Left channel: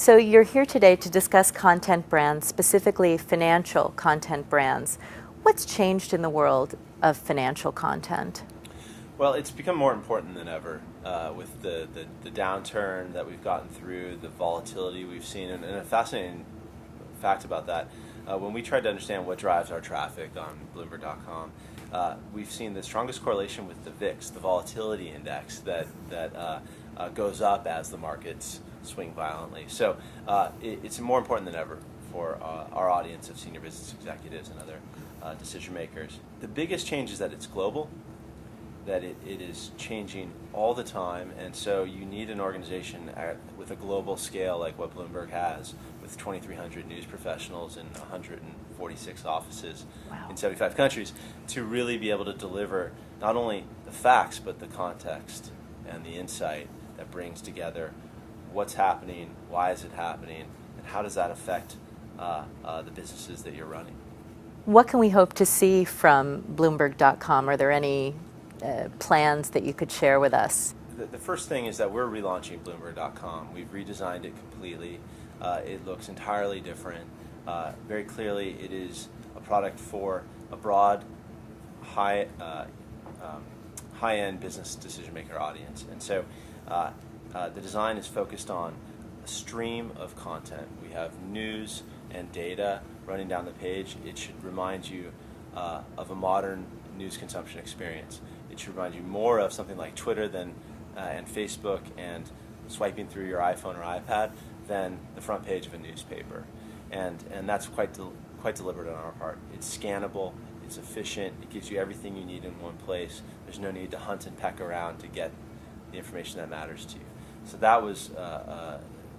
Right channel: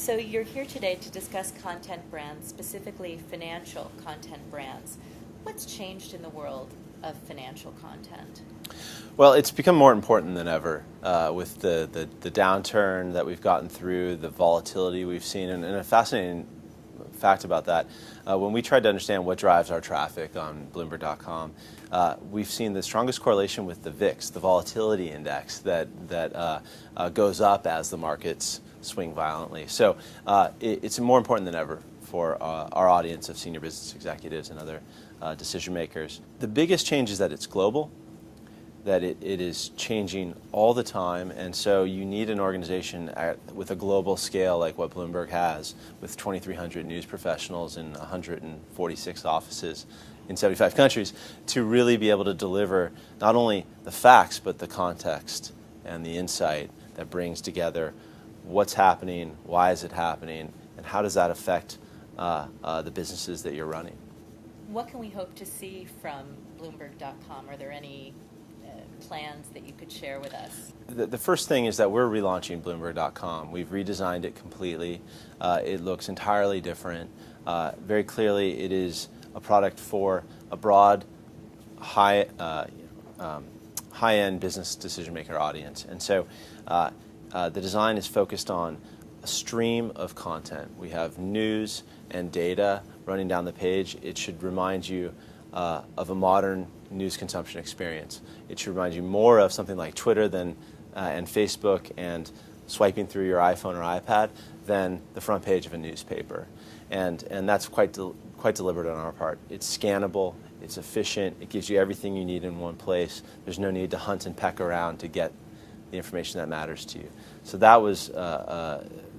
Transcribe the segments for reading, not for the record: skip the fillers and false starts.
So you're here today to discuss content brands, specifically financial content brands. What's changed in the world of financial content? Well, it's become more important than ever with the downturn that we've gotten through, the volatility we've seen, and a fascinating fact about that. When we tried to understand what drives our traffic on Bloomberg.com, we've seen the strongest correlation with the VIX, the volatility index that goes up as the markets swing violently. So it's more important than ever for our audience of senior business executives and other decision makers. The biggest change is that it's global, that it is changing all the time, and so you need an organization with a global scale like what Bloomberg has, with 2,300 news professionals in 146 offices in 75 countries, to really be able to deliver not only the facts but the context and the insight that brings together what's happening, why is it happening, and how does that affect the businesses that you're running. What can we hope to see from Bloomberg.com? Are there any plans that you could share with us? The first thing is that we're relaunching Bloomberg.com. We've redesigned it completely. It looks entirely different. Very clearly, it is a product for a broad, high-end business decision-maker audience. And so the design is focused on a stream of content. We have news and data running down the page. It should remind you of a modern news consumption experience. It should remind you more of something like Twitter and Facebook and swiping through your iPhone or iPad than the front page of a newspaper. And that's quite deliberate on our part. It's scannable, it's efficient, it gives you everything you need in one place. There's no need to hunt and peck around to get the information that matters to you. So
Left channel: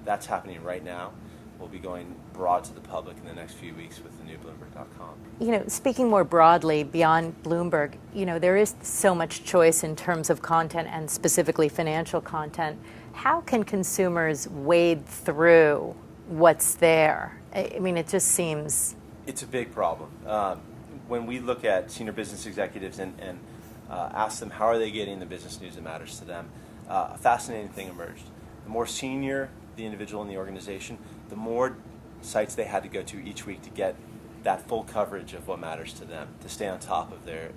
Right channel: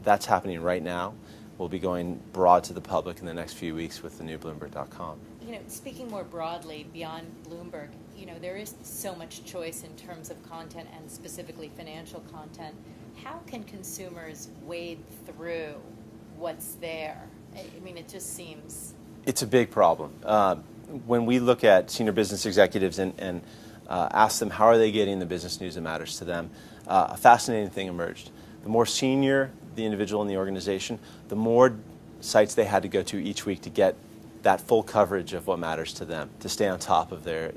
that's happening right now. We'll be going broad to the public in the next few weeks with the new Bloomberg.com. You know, speaking more broadly beyond Bloomberg, you know, there is so much choice in terms of content and specifically financial content. How can consumers wade through what's there? I mean, it just seems... It's a big problem. When we look at senior business executives and ask them how are they getting the business news that matters to them, a fascinating thing emerged. The more senior the individual in the organization, the more sites they had to go to each week to get that full coverage of what matters to them, to stay on top of the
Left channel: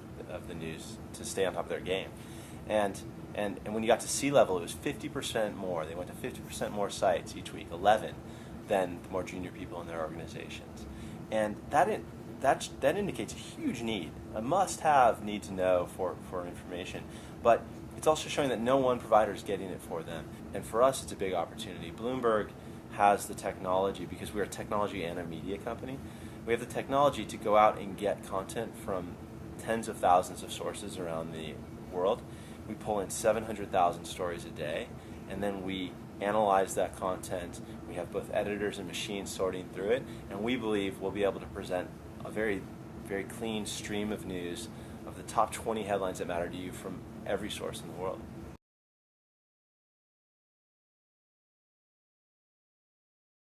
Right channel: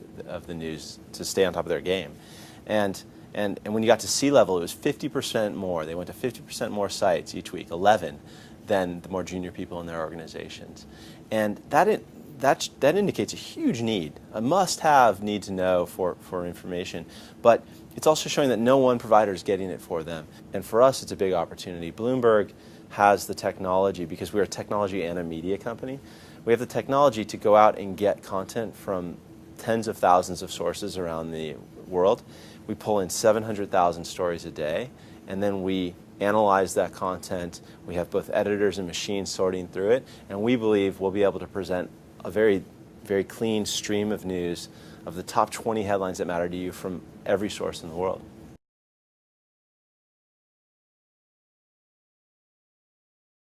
news, to stay on top of their game. And when you got to C-level, it was 50% more. They went to 50% more sites each week, 11, than the more junior people in their organizations. And that indicates a huge need, a must-have need to know for information. But it's also showing that no one provider is getting it for them. And for us, it's a big opportunity. Bloomberg has the technology, because we're a technology and a media company. We have the technology to go out and get content from tens of thousands of sources around the world. We pull in 700,000 stories a day, and then we analyze that content. We have both editors and machines sorting through it, and we believe we'll be able to present a very, very clean stream of news of the top 20 headlines that matter to you from every source in the world.